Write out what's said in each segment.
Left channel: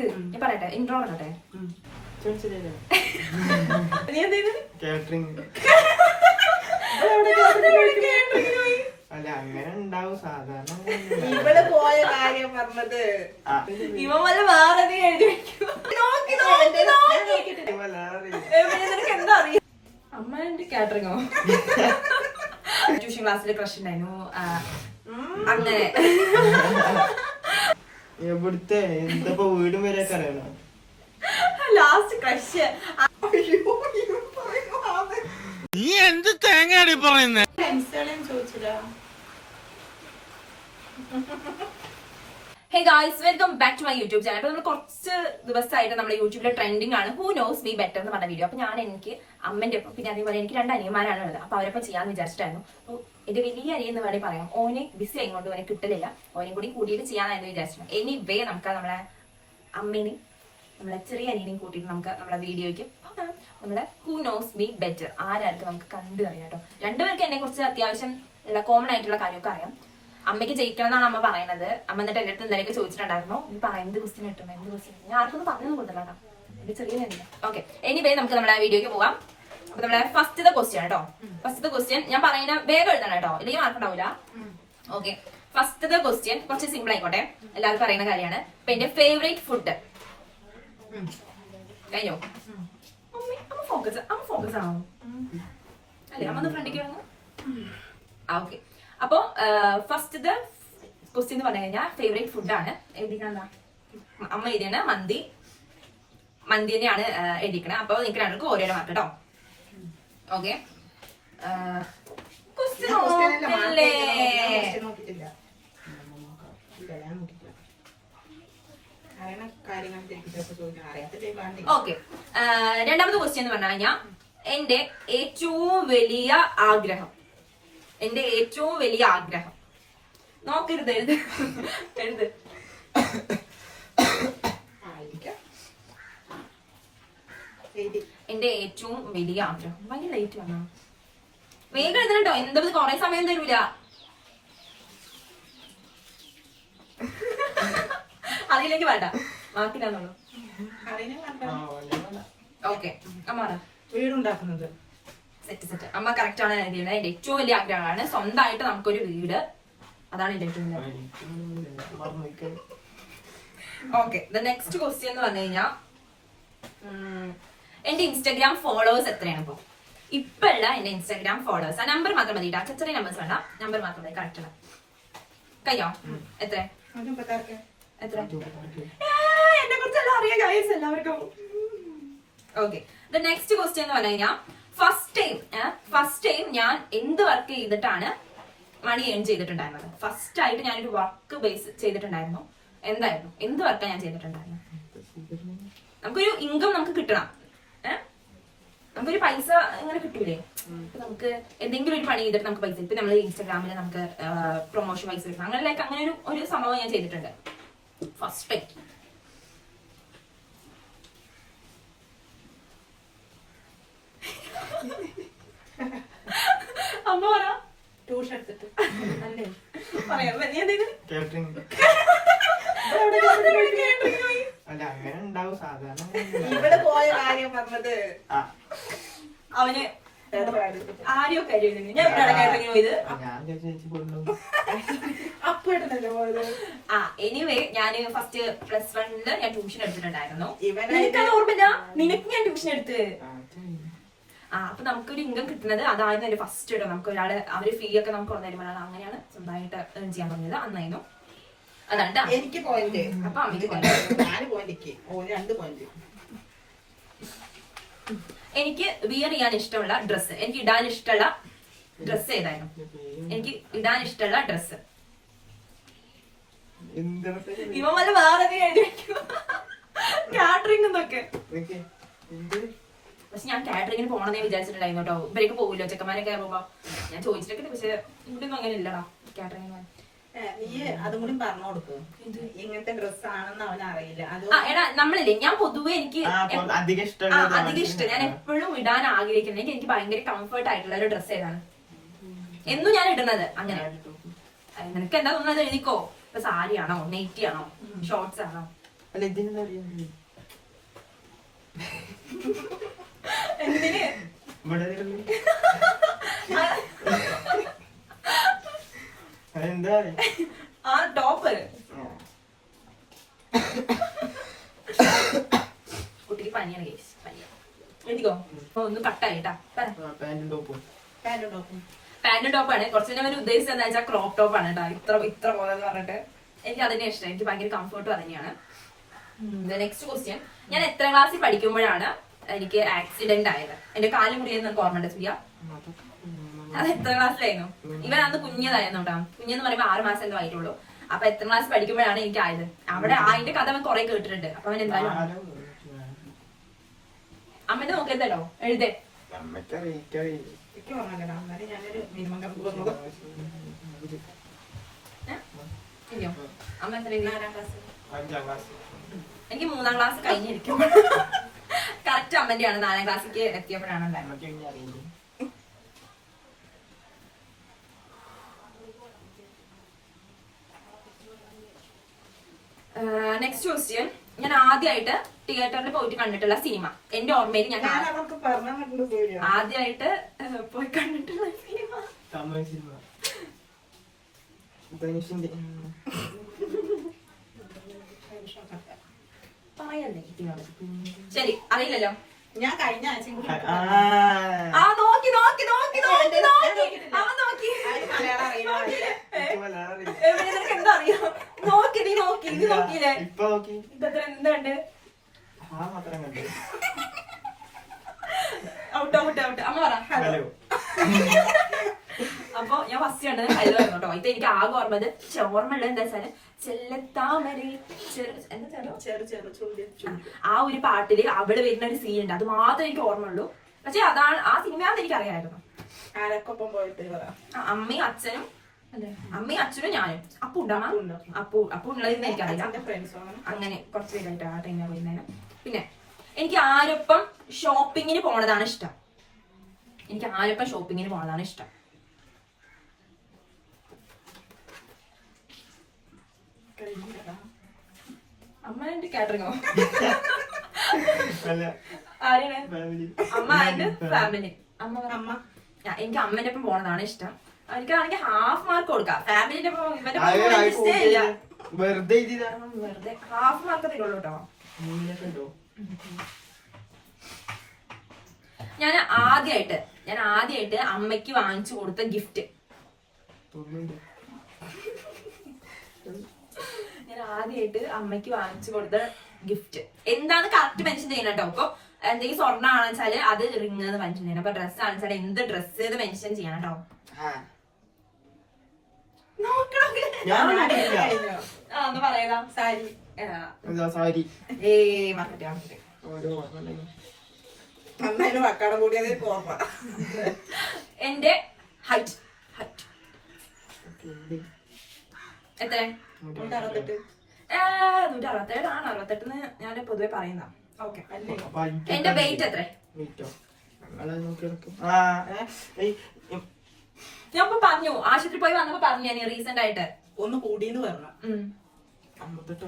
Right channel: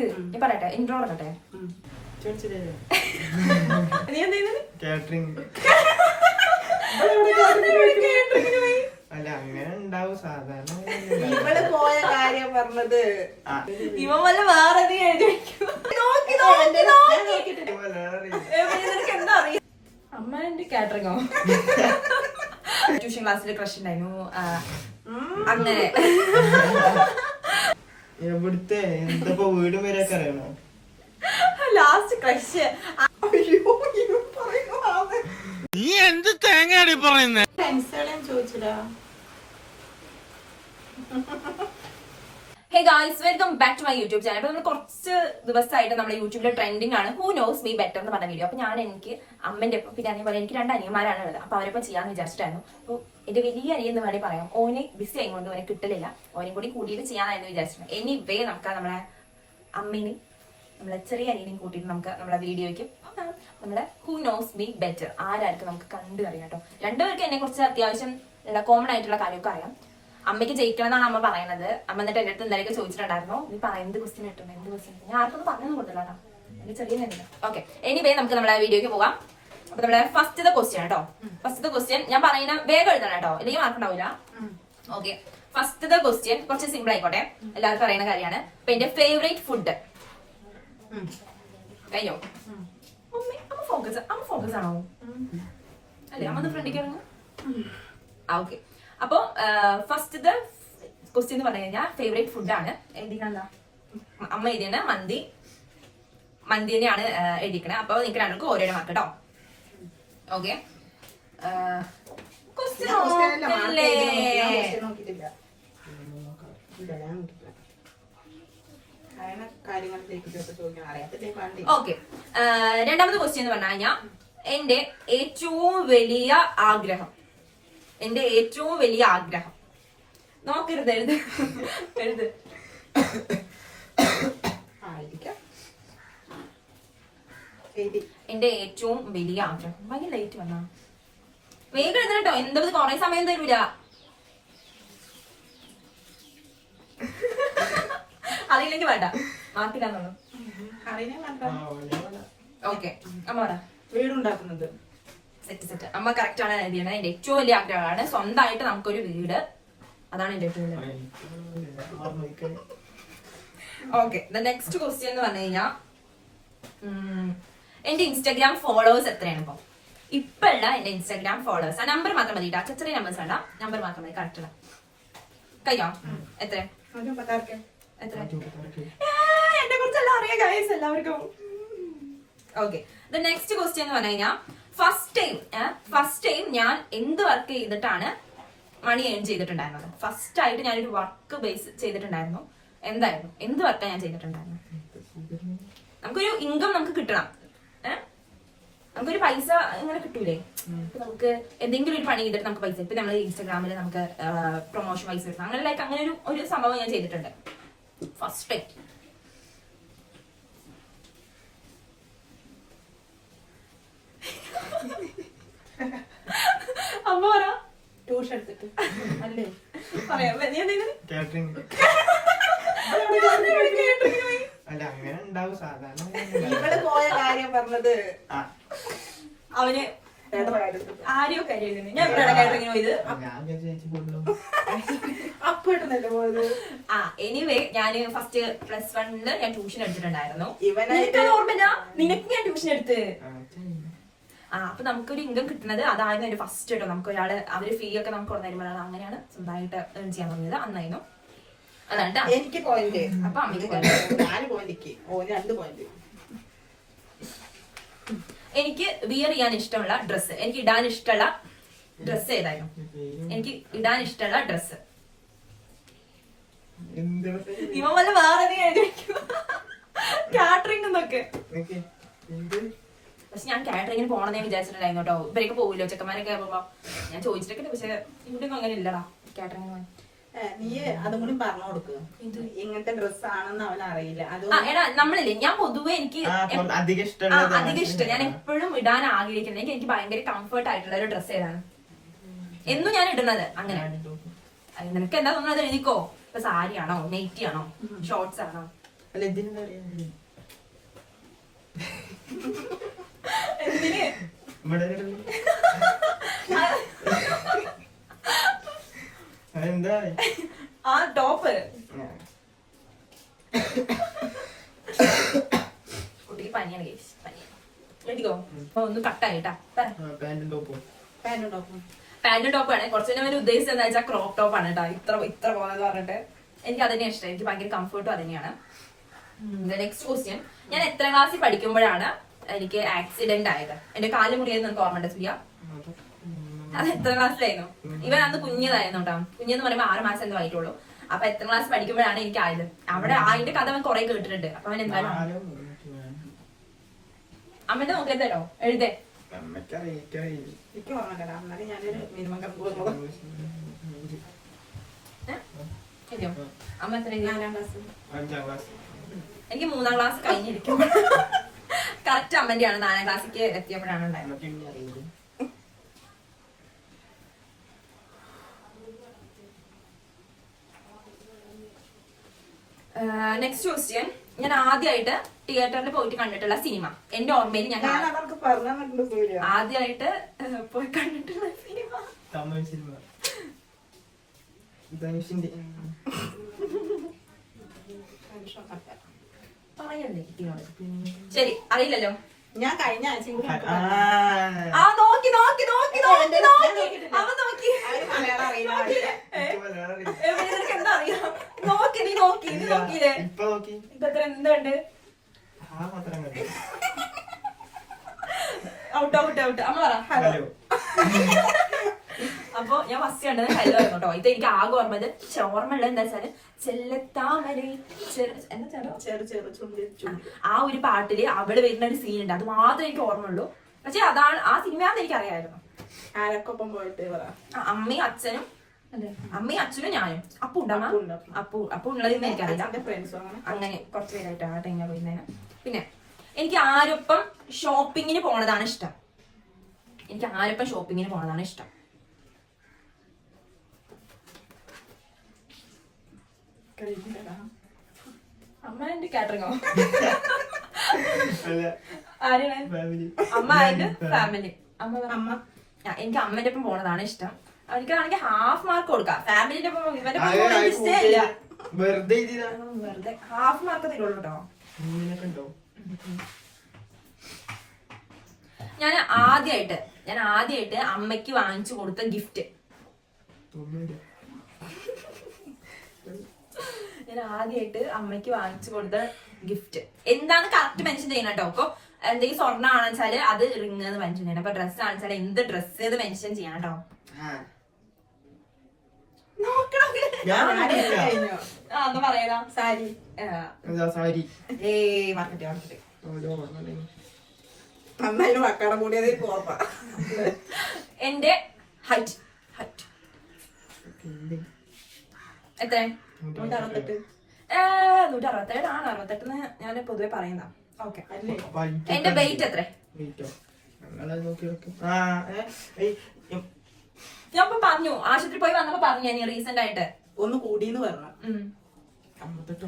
നിക്ക് ഞാൻ പറയട്ടെ, ഇൻട്രോ പറയട്ടെ. നീ എന്തെയ്യുന്നത്? അല്ല അങ്ങനെ ഉണ്ടാവും സാധാരണ. ഇവള് പോയ കാര്യം പറഞ്ഞത് ഇവ വല്ല വേറെ നിനക്ക് എന്താ അറിയാം? അമ്മ എന്റെ കാറ്ററിങ്ങോ ട്യൂഷൻ ക്ലാസ്സിൽ ക്രഷ് ഉണ്ടായിരുന്നു അങ്ങനെ. എവിടുത്തെ എന്തപ്പോ വീടും വരെയൊക്കെ അറിയണോ? Last crush. നീ എന്ത് തേങ്ങയാണ് പറയുന്നത്? ചോദിച്ചതാ. Hey guys, welcome back to my YouTube channel. അപ്പൊ നമ്മൾ കുറച്ച് ദിവസമായിട്ട് നമ്മുടെ യൂട്യൂബിലെ ട്രെൻഡിങ് ആണ് ഹൂ നോസ് മീ ബെറ്റർ എന്ന് പറഞ്ഞ വീഡിയോ. അപ്പൊ ഞാൻ എനിക്ക് അമ്മന്റെ ഒപ്പം പിന്നെ അതേപോലെ എനിക്ക് 2 അനിയന്മാരാണ് ഉള്ളത്. അപ്പൊ അവരൊപ്പം ചെയ്യാന്ന് വിചാരിച്ചിട്ടായിരുന്നു. അപ്പൊ എന്റെ വലിയ അനിയൻ എന്ന് വേണമെങ്കിൽ പറയാം. ഓനെ ബിസി ആയതുകൊണ്ട് ഓനെ കിട്ടലില്ല. ഓനെ കൂടി കൂട്ടിയിട്ട് ചെയ്യാനായിരുന്നു വിചാരിച്ചിട്ടുണ്ട്. എനിവേ നമുക്ക് നമ്മളെ അമ്മേനെയും നമ്മളെ ചെറിയ അനിയനെയും കൂട്ടിയിട്ട് നമുക്ക് നമ്മുടെ വീഡിയോയ്ക്ക് നമ്മുടെ ഹൂ നോസ് മീ ബെറ്റർ ആരാർക്ക് നമുക്ക് കണ്ടു അറിയാം കേട്ടോ. രണ്ടുപേർക്ക് എന്നെ കുറിച്ച് അത്യാവശ്യം ഉള്ള കോമൺ ആയിട്ടുള്ള കാര്യമൊക്കെ അറിയാം. അമ്മയ്ക്ക് ജയിക്കണം എന്നാണ് അമ്മ പറയുന്നത്. അമ്മ എന്നിട്ട് എന്റെ അടുത്ത് എന്തെങ്കിലും ചോദിച്ചിട്ടുണ്ടായിരുന്നു, നീ പറയാം എന്ത് ക്വസ്റ്റ്യൻ കിട്ടും എന്ത് ക്വസ്റ്റ്യൻ. ഞാൻ ആർക്കൊന്നും പറഞ്ഞൊന്നും കൊടുത്തില്ല കേട്ടോ, എന്റെ ചെറിയ നന്ദി. ഓക്കെ, എനിവേ നമുക്ക് നമ്മുടെ വീഡിയോയ്ക്ക് പോവാം. അപ്പൊ നമ്മുടെ ഫസ്റ്റത്തെ ക്വസ്റ്റ്യൻ കേട്ടോ. ഫസ്റ്റത്തെ ക്വസ്റ്റ്യൻ ഞാൻ പറയുന്ന വേഗം എഴുതണം കേട്ടോ, അല്ലെങ്കിൽ മാർക്ക് ഉണ്ടാവില്ല. ഓക്കെ, ഫസ്റ്റത്തെ ക്വസ്റ്റ്യൻ കുറച്ച് സിമ്പിൾ ആയിക്കോട്ടെ, എല്ലാവർക്കും അറിയുന്ന കാര്യമാണ്. അപ്പൊ എന്റെ ഫേവറേറ്റ് ഫുഡ് കഴിഞ്ഞോ? അമ്മ ഫോക്കസ് ആണോ? അല്ലേ അമ്മ ഫ്രണ്ടിക്ക് ഓക്കെ. അപ്പൊ ഫസ്റ്റത്തെ ക്വസ്റ്റ്യൻ എന്ന് പറഞ്ഞു കഴിഞ്ഞാൽ ഫേവറേറ്റ് ഫുഡാണ്. എഴുതിക്കണ അമ്മ എഴുതിയാണ് മന്തി തന്നെയാണ് എഴുതിക്കണേ. അപ്പൊ നിങ്ങൾക്ക് രണ്ടും ഓരോരോ മാർക്ക് കേട്ടോ. Okay, okay. രണ്ടാമത്തെ ക്വസ്റ്റ്യൻ എന്ന് പറഞ്ഞു കഴിഞ്ഞാൽ എന്റെ ഏറ്റവും വലിയ ആഗ്രഹം നോക്കരുത്, എഴുത്. എന്റെ ഏറ്റവും വലിയ ആഗ്രഹം. ഭയങ്കര ലൈറ്റ് വന്നാ വേഗം എഴുതണം കേട്ടോ, എന്താ കൊറേ സമയം തരൂല. അതിലേക്ക് വേണ്ട, മാർക്കില്ലാന്നുള്ളൂ. ഓക്കെ, അമ്മ വീടുണ്ടാക്കുന്നത് സെറ്റ്. അമ്മ കറക്റ്റ് ആണ് എഴുതിയത്. എന്റെ ഏറ്റവും വലിയ ആഗ്രഹമാണ് സ്വന്തമായിട്ട് നമുക്കൊരു വീട്. അതാണ് എന്റെ ഏറ്റവും വലിയ. ഓക്കെ, നെക്സ്റ്റ് ക്വസ്റ്റ്യൻ എന്ന് പറഞ്ഞു കഴിഞ്ഞാൽ എന്റെ ഇൻസ്റ്റാഗ്രാം ഫോളോവേഴ്സ് എത്രയാണ് ഇപ്പൊ ഉള്ള എന്റെ ഇൻസ്റ്റാഗ്രാം ഫോളോവേഴ്സ്? ആ നമ്പർ മാത്രം മതി കേട്ടോ, ചെറിയ നമ്പേഴ്സ് വേണ്ട, നമ്പർ മാത്രം മതി. കറക്റ്റ് കഴിഞ്ഞോ? എത്ര എന്നെ കുറിച്ചെല്ലാം അറിയാം ഗൈസ് എല്ലാവർക്കും. ഓക്കെ, നെക്സ്റ്റ് ക്വസ്റ്റ്യൻ എന്ന് പറഞ്ഞു കഴിഞ്ഞാൽ ഫസ്റ്റ് ടൈം ഞാൻ എന്ത് വർക്ക് ചെയ്തിട്ടാണ് മണി ഏൺ ചെയ്തിട്ടുണ്ടായിരുന്നത്? ഫസ്റ്റ് ആയിട്ട് ഞാനൊരു വർക്ക് ബേസ് ചെയ്തിട്ടുണ്ടായിരുന്നു. എന്തായിരുന്നു, എന്ത് വർക്കാണ് ഞാൻ ചെയ്തിട്ടുണ്ടായിരുന്നത്? നമുക്കൊരു ഇൻകം നമുക്ക് കിട്ടണം, നമുക്കൊരു പൈസ ഇങ്ങനെ കിട്ടൂലേ? നമുക്ക് എന്തെങ്കിലും ഒരു പണി ചെയ്തിട്ട് നമുക്ക് പൈസ, ഇപ്പൊ നമ്മള് ഇൻസ്റ്റാഗ്രാമിൽ നമുക്ക് പ്രൊമോഷൻ പൈസ കിട്ടണം, അങ്ങനെ അങ്ങനെ ഒരു സംഭവം ഞാൻ ചെയ്തിട്ടുണ്ട് ഫസ്റ്റ് ടൈം. അമ്മ പറ. ട്യൂഷൻ എടുത്തിട്ട് അല്ലേ പറയാം. അല്ല അങ്ങനെ ഉണ്ടാവും സാധാരണ. ഇവള് പോയ കാര്യം പറഞ്ഞത് അവന് ആരെയോ കാര്യം ഞാൻ പോയത്. അപ്പൊ ഇടുന്നല്ലോ പോയത്. എനിവേ ഞാൻ ഫസ്റ്റ് +1 ഞാൻ ട്യൂഷൻ എടുത്തിട്ടുണ്ടായിരുന്നു. ഇവനായിട്ട് ഓർമ്മയില്ല, നിനക്ക് ഞാൻ ട്യൂഷൻ എടുത്ത്. അപ്പൊ നമുക്കൊരു ഇൻകം കിട്ടുന്നത് അതായിരുന്നു എന്റെ ഫസ്റ്റ് ഇടം. നമുക്ക് ഒരാള് അവര് ഫീ ഒക്കെ നമുക്ക് തരുമ്പോഴാണ് അങ്ങനെയാണ് സ്വന്തമായിട്ട് ഏൺ ചെയ്യാൻ തുടങ്ങിയത്. അന്നായിരുന്നു അതാണ് എനിക്ക് പോയിന്റ്. അപ്പൊ അമ്മയ്ക്ക് 4 പോയിന്റ്, 2 പോയിന്റ്. എനിക്ക് വിയർ ചെയ്യാൻ ഇഷ്ടമുള്ള ഡ്രസ്സ്, എനിക്ക് ഇടാൻ ഇഷ്ടമുള്ള ഡ്രസ്സ് ഏതായിരുന്നു? എനിക്ക് ഇടാൻ ഇഷ്ടമുള്ള ഡ്രസ്സ് ഇവ വല്ല വേറെ കാറ്ററിംഗ് എന്നൊക്കെ. പക്ഷെ ഞാൻ കാറ്ററിംഗിന് പോകണമെന്നേ വിചാരിച്ചിട്ടുണ്ടായിരുന്നു കേട്ടോ. ഇവരേക്ക് പോകില്ലോ ചെക്കന്മാരൊക്കെ പോകുമ്പോ ഞാൻ ചോദിച്ചിട്ടൊക്കെ. പക്ഷെ ഇവിടെ ഒന്നും അങ്ങനെ ഇല്ലടാ കാറ്ററിംഗ്. നീ അതും കൂടി പറഞ്ഞു കൊടുക്ക്, ഇങ്ങനത്തെ ഡ്രസ് ആണെന്ന് അവൻ അറിയില്ല. എടാ നമ്മളില്ലേ, ഞാൻ പൊതുവെ എനിക്ക് അധികം ഇഷ്ടം ഞാൻ എപ്പോഴും ഇടാൻ ആഗ്രഹിക്കുന്നത് എനിക്ക് ഭയങ്കര കംഫർട്ട് ആയിട്ടുള്ള ഒരു ഡ്രസ്സ് ഏതാണ് എന്നും ഞാൻ ഇടുന്നത്. അങ്ങനെ നിനക്ക് എന്താ തോന്നുന്നത് എഴുതിക്കോ. ഇപ്പൊ സാരി ആണോ, നെയ്റ്റി ആണോ, ഷോർട്സ് ആണോ, അല്ല ഇതിനെന്താ അറിയുന്നത് എന്തിന് ഇവിടെ കിടന്ന് അതെന്താ ആ ടോപ്പ് കുട്ടിക്ക് പനിയാണ് കേസ് പനിയാണ് എഴുതിക്കോ ഒന്ന് കട്ടായി കേട്ടാ പാന്റും ടോപ്പും പാന്റും ടോപ്പാണ് കുറച്ച് അവന് ഉദ്ദേശിച്ചത് എന്താ വെച്ചാൽ ക്രോപ്പ് ടോപ്പാണ് കേട്ടോ ഇത്ര പോകാന്ന് പറഞ്ഞിട്ട് എനിക്ക് അതിനെ ഇഷ്ടം എനിക്ക് ഭയങ്കര കംഫർട്ടും അതന്നെയാണ്. നെക്സ്റ്റ് ക്വസ്റ്റ്യൻ, ഞാൻ എത്രാം ക്ലാസ്സിൽ പഠിക്കുമ്പോഴാണ് എനിക്ക് ആക്സിഡന്റ് ആയത്? എന്റെ കാല് മുറിയത് എനിക്ക് ഓർമ്മ ഉണ്ട് സൂര്യ. അത് എത്രാം ക്ലാസ്സിലായിരുന്നു? ഇവൻ അന്ന് കുഞ്ഞതായിരുന്നു കേട്ടോ. കുഞ്ഞെന്ന് പറയുമ്പോൾ 6 മാസം എന്തോ ആയിട്ടുള്ളൂ. അപ്പൊ എത്രാം ക്ലാസ് പഠിക്കുമ്പോഴാണ് എനിക്ക് ആയത്. അവിടെ അതിന്റെ കഥ അവൻ കുറെ കേട്ടിട്ടുണ്ട്. അപ്പൊ അവൻ എന്തായാലും അമ്മന്റെ നോക്കിയതല്ലോ എഴുതേ. എനിക്ക് ഓർമ്മയില്ല. എന്നാലും ഞാനൊരു മിനിമം കമ്പ് ഇല്ലയോ അമ്മ എത്ര 4ാം ക്ലാസ്. 5ാം ക്ലാസ്. എനിക്ക് 3ാം ക്ലാസ് കഴിഞ്ഞിരിക്കുമ്പോൾ കറക്റ്റ് അമ്മന്റെയാണ് 4ാം ക്ലാസ്സിലേക്ക് എത്തിയപ്പോഴാണ് ഉണ്ടായത്. നെക്സ്റ്റ് ക്വസ്റ്റ്യൻ, ഞാൻ ആദ്യമായിട്ട് തിയേറ്ററിൽ പോയിട്ട് കണ്ടിട്ടുള്ള സിനിമ എന്റെ ഓർമ്മയിൽ ഞാൻ അവർക്ക് പറഞ്ഞു സൂര്യ. ആദ്യമായിട്ട് പോയി കണ്ടിട്ടുള്ള സിനിമ തമിഴ് സിനിമ ധനുഷിന്റെ പറയല്ലേ കുട്ടിയോട്. ശരി അറിയില്ലല്ലോ. ഞാൻ കഴിഞ്ഞ ആഴ്ച ആ നോക്കി നോക്കി നോക്കി നോക്കി നോക്കി അവൻ നോക്കി മലയാളം അറിയുന്ന എവിടെ നിനക്ക് എന്താ അറിയാം? നോക്കി നീ നോക്കി നീ നോക്കിയില്ലേ? ഇപ്പൊ നോക്കി ഇതത്ര എന്തുണ്ട്? ആ മാത്രം കണ്ടു. Out out out. അമ്മ പറ ഹലോ. ഹലോ. അപ്പൊ ഞാൻ ഫസ്റ്റ് കണ്ടത് ഹലോ ആയിരുന്നു കേട്ടോ. ഇത് എനിക്ക് ആകെ ഓർമ്മത് ഓർമ്മയുള്ളത് എന്താ വെച്ചാല് ചെല്ലത്താമര എന്താ ചേട്ടോ ചെറു ചെറു ചുണ്ടി ആ ഒരു പാട്ടില് അവിടെ വരുന്ന ഒരു സീൻ ഉണ്ട്. അത് മാത്രമേ എനിക്ക് ഓർമ്മയുള്ളൂ. പക്ഷെ അതാണ് ആ സിനിമയാണെന്ന് എനിക്ക് അറിയാമായിരുന്നു. ആരൊക്കൊപ്പം പോയിട്ട് പറ. അമ്മയും അച്ഛനും അമ്മയും അച്ഛനും ഞാനും അപ്പു ഉണ്ടമ്മ അപ്പു ഉള്ളതെന്ന് എനിക്കറിയില്ല. അങ്ങനെ കുറച്ച് പേരായിട്ട് ആ ടൈമിൽ പോയിരുന്നേന്. പിന്നെ എനിക്ക് ആരൊപ്പം ഷോപ്പിങ്ങിന് പോണതാണ് ഇഷ്ടം. എനിക്ക് ആരൊപ്പം ഷോപ്പിങ്ങിന് പോണതാണ് ഇഷ്ടം. അമ്മ എന്റെ കാറ്ററിംഗോ? അല്ല ആരെയാണ്? ഫാമിലി. അമ്മ ആൻഡ് ഫാമിലി. അമ്മ എനിക്ക് അമ്മന്റെ ഒപ്പം പോണതാണ് ഇഷ്ടം. എനിക്കാണെങ്കിൽ ഹാഫ് മാർക്ക് കൊടുക്കാം. ഫാമിലിന്റെ ഒപ്പം ഇവന്റെ ഒപ്പം ഇഷ്ടേ ഇല്ല. വെറുതെ എഴുതിയതാ. വെറുതെ ഹാഫ് മാർക്ക് തരുള്ളൂ കേട്ടോ. നീനൊക്കെ ഉണ്ടോ? ഞാൻ ആദ്യമായിട്ട് അമ്മയ്ക്ക് വാങ്ങിച്ചു കൊടുത്ത ഗിഫ്റ്റ്. ഒന്നുമില്ല. ഞാൻ ആദ്യമായിട്ട് അമ്മയ്ക്ക് വാങ്ങിച്ചു കൊടുത്ത ഗിഫ്റ്റ് എന്താന്ന് കറക്റ്റ് മെൻഷൻ ചെയ്യണം കേട്ടോ. അപ്പൊ എന്തെങ്കിലും സ്വർണ്ണം ആണെന്ന് വെച്ചാല് അത് റിങ് എന്ന് മെൻഷൻ ചെയ്യണം. അപ്പൊ ഡ്രസ് ആണെന്ന് വെച്ചാൽ എന്ത് ഡ്രസ് ഏത് മെൻഷൻ ചെയ്യണം കേട്ടോ. എന്നാ പറയതാ സാരി സാരി. മാർക്കറ്റ് നന്നായിട്ട് മക്കാടം കൂടിയത് ഓർമ്മ. എന്റെ ഹൈറ്റ് എത്ര? 168. 167 ആണ്. 68 ഞാൻ പൊതുവെ പറയുന്ന. ഓക്കെ. അല്ലേ എന്റെ വെയിറ്റ് എത്ര? ഞാൻ ഇപ്പൊ പറഞ്ഞു ആശുപത്രി പോയി വന്നപ്പോ പറഞ്ഞു ഞാൻ റീസെന്റ് ആയിട്ട് ഒന്ന് കൂടിന്ന് പറഞ്ഞു. 58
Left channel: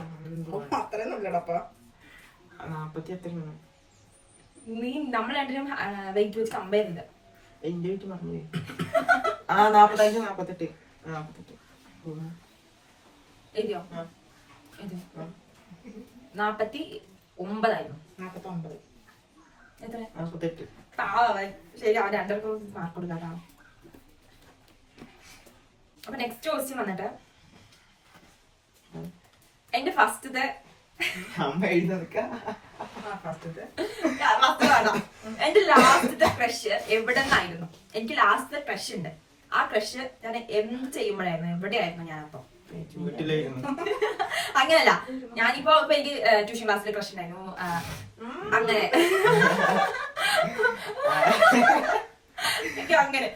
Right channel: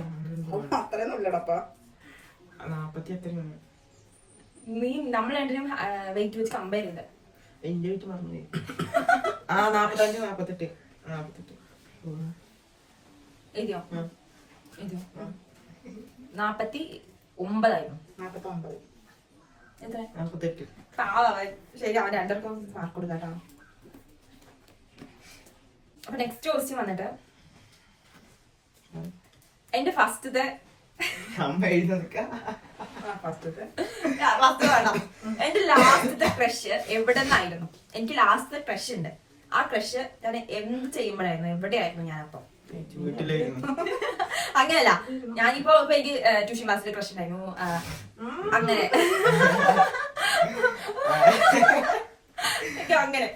അത്രയൊന്നും ഇല്ലടപ്പാ. 40 എത്രയാണ്? നീ നമ്മൾ രണ്ടിനും വെയിറ്റ് വെച്ച് കമ്പയർ ചെയ്ത് എന്റെ വീട്ട് പറഞ്ഞു. 45 48 എഴുതിയോ? 49 ആയിരുന്നു. 49. എത്ര? 48. പാവൻ. ശരി അവൻ രണ്ടർക്കും മാർക്ക് കൊടുക്കാട്ടോ. അപ്പൊ നെക്സ്റ്റ് ക്വസ്റ്റ്യൻ വന്നിട്ട് എന്റെ ഫസ്റ്റത്തെ അമ്മ എഴുതി എന്റെ ലാസ്റ്റത്തെ ക്രഷ് എവിടെ നിന്നായിരുന്നു? എനിക്ക് ലാസ്റ്റത്തെ ക്രഷ് ഉണ്ട്. ആ ക്രഷ് ഞാൻ എന്ത് ചെയ്യുമ്പോഴായിരുന്നു? എവിടെയായിരുന്നു ഞാൻ? അപ്പൊ വീട്ടിലായിരുന്നു. അങ്ങനല്ല, ഞാനിപ്പോ എനിക്ക് ട്യൂഷൻ ക്ലാസ്സിൽ ക്രഷ് ഉണ്ടായിരുന്നു. അങ്ങനെ അങ്ങനെ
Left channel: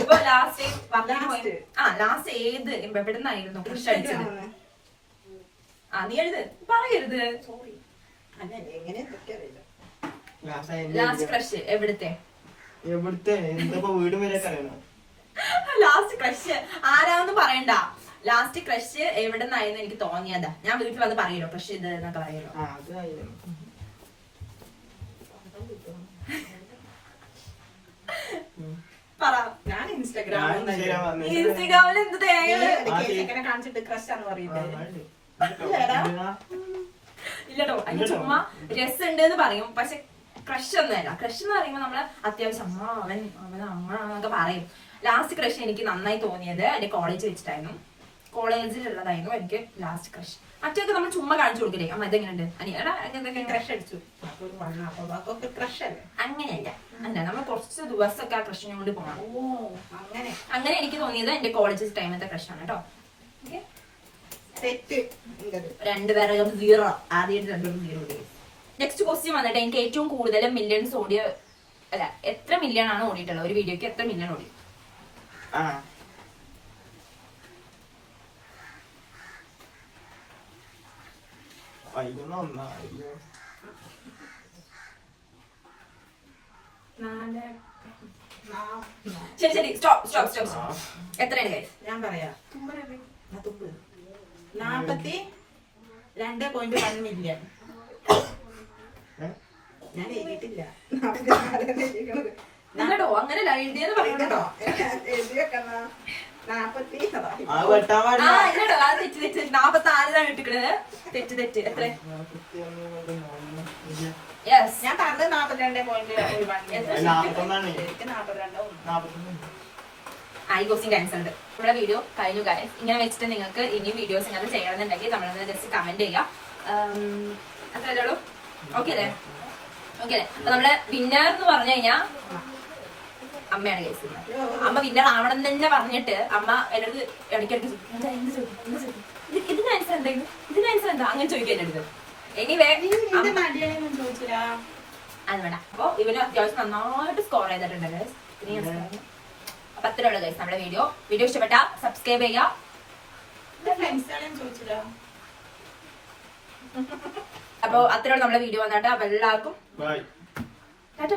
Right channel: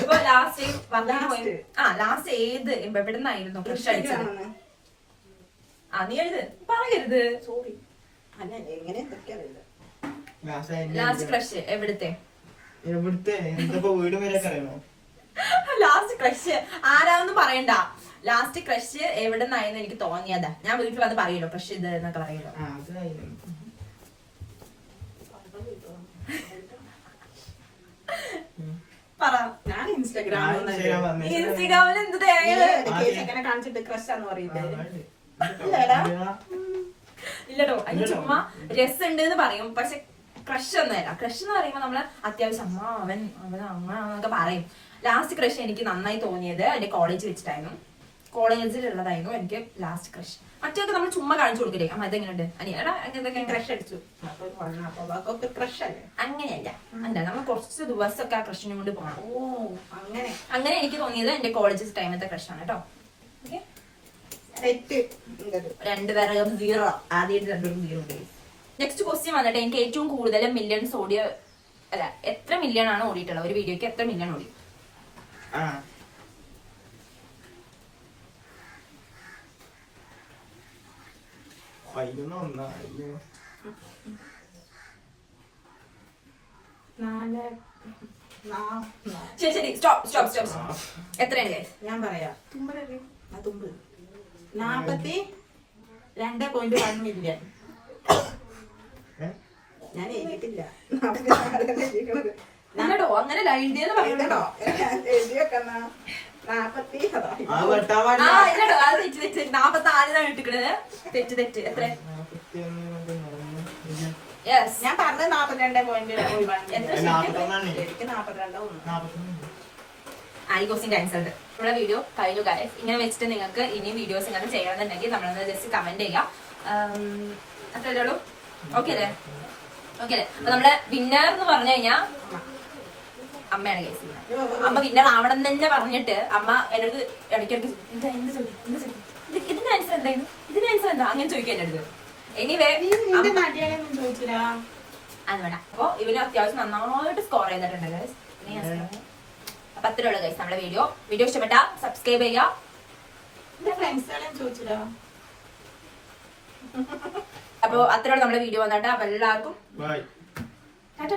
ഇപ്പൊ ലാസ്റ്റ് ലാസ്റ്റ് ഏത് എവിടെ നിന്നായിരുന്നു ക്രഷ് അടിച്ചത്? നീ എഴുത്, പറയരുത്. സോറി. അല്ല എങ്ങനെ അറിയില്ല. ലാസ്റ്റ് ക്രഷ് എവിടുത്തെ? എവിടുത്തെ? എന്തപ്പോ വീടും വരെ അറിയണോ? ലാസ്റ്റ് ക്രഷ് ആരാന്ന് പറയണ്ട. ലാസ്റ്റ് ക്രഷ് എവിടെ നിന്നായിരുന്നു എനിക്ക് തോന്നിയതാ. ഞാൻ വീട്ടിൽ വന്ന് പറയുമല്ലോ ക്രഷ് ഇത് എന്നൊക്കെ പറയുമല്ലോ. ആ അതായിരുന്നു. പറ. ഞാൻ ഇൻസ്റ്റാഗ്രാമിൽ ഇൻസ്റ്റഗ്രാമിൽ എന്ത് തേങ്ങ ചെക്കനെ കാണിച്ചിട്ട് ക്രഷാന്ന് പറയില്ലേ? ഇല്ലട്ടോ. അതിന് ചുമ്മാ രസമുണ്ട് എന്ന് പറയും, പക്ഷെ ക്രഷ് ഒന്നുമല്ല. ക്രഷ് എന്ന് പറയുമ്പോ നമ്മള് അത്യാവശ്യം അവൻ അങ്ങനൊക്കെ പറയും. ലാസ്റ്റ് ക്രഷ് എനിക്ക് നന്നായി തോന്നിയത് എന്റെ കോളേജ് വെച്ചിട്ടായിരുന്നു. കോളേജിലുള്ളതായിരുന്നു എനിക്ക് ലാസ്റ്റ് ക്രഷ്. മറ്റൊക്കെ നമ്മൾ ചുമ്മാ കാണിച്ചു കൊടുക്കില്ലേ, അമ്മ ഇതെങ്ങനെയുണ്ട് അനിയടാ എന്തൊക്കെ ക്രഷ് അടിച്ചു അപ്പൊ ക്രഷ് അല്ലേ? അങ്ങനെയല്ല. അല്ല, നമ്മൾ കുറച്ച് ദിവസമൊക്കെ ആ ക്രഷിനെ കൊണ്ട് പോകണം. ഓ അങ്ങനെ. അങ്ങനെ എനിക്ക് തോന്നിയത് എന്റെ കോളേജ് ടൈമത്തെ ക്രഷാണ് കേട്ടോ. ഓക്കെ, രണ്ടുപേരും 0. ആദ്യമായിട്ട് രണ്ടുപേരും 0. നെക്സ്റ്റ് ക്വസ്റ്റ്യൻ വന്നിട്ട് എനിക്ക് ഏറ്റവും കൂടുതൽ മില്യൺസ് ഓടിയ, അല്ല എത്ര മില്യൺ ആണ് ഓടിയിട്ടുള്ളത് ഒരു വീഡിയോക്ക്? എത്ര മില്യൺ ഓടി? ആ 11. അയ്യോ. ശരി, സ്റ്റോപ്പ്. എത്രയാണ് ഗൈസ്? ഞാൻ പറയാം. തുമ്പ് 42.1 മില്യൺ. ഞാൻ എഴുതിയിട്ടില്ല. ഇല്ലടോ, അങ്ങനെ എഴുതിയെന്ന് പറയുന്നുണ്ടോ? ആ വെട്ടാൻ ആ പാടില്ല. ഇല്ലടോ, അത് തെറ്റ്. 44 ഇട്ടിക്കണത്. തെറ്റ്. എത്ര? 41. യെസ്. ഞാൻ പറഞ്ഞത് 42.1. എത്ര? 41. എനിക്ക് 42. ഈ ക്വസ്റ്റ്യൻ ആൻസർഡ്. നമ്മുടെ വീഡിയോ കഴിഞ്ഞു ഗൈസ്. ഇങ്ങനെ വെച്ചിട്ട് നിങ്ങൾക്ക് ഇനി വീഡിയോസ് ഇങ്ങനെ ചെയ്യണമെന്നുണ്ടെങ്കിൽ നമ്മളൊന്ന് ജസ്റ്റ് കമന്റ് ചെയ്യാം. അത്രേ ഉള്ളൂ. ഓക്കെ അല്ലേ? അപ്പൊ നമ്മള് വിന്നർ എന്ന് പറഞ്ഞു കഴിഞ്ഞാ അമ്മയാണ് കേസ്. അമ്മ വിന്നർ ആവണം എന്ന് തന്നെ പറഞ്ഞിട്ട് അമ്മ എന്നോട് ഇടയ്ക്കിടയ്ക്ക് ഇതിന് ആൻസർ എന്തായിരുന്നു, ഇതിന് ആൻസർ എന്താ അങ്ങനെ ചോദിക്കാൻ എൻ്റെ അടുത്ത്. എനിവേ ചോദിച്ചില്ല. അത് വേണ്ട. അപ്പൊ ഇവന് അത്യാവശ്യം നന്നായിട്ട് സ്കോർ ചെയ്തിട്ടുണ്ട് ഗൈസ്. അപ്പൊ അത്രേ ഉള്ളൂ ഗൈസ് നമ്മുടെ വീഡിയോ ഇഷ്ടപ്പെട്ടാ സബ്സ്ക്രൈബ് ചെയ്യാം. ചോദിച്ചില്ല. അപ്പൊ അത്രേ ഉള്ളൂ നമ്മുടെ വീഡിയോ വന്നിട്ട്. അപ്പൊ എല്ലാവർക്കും ബൈ. ടാറ്റ.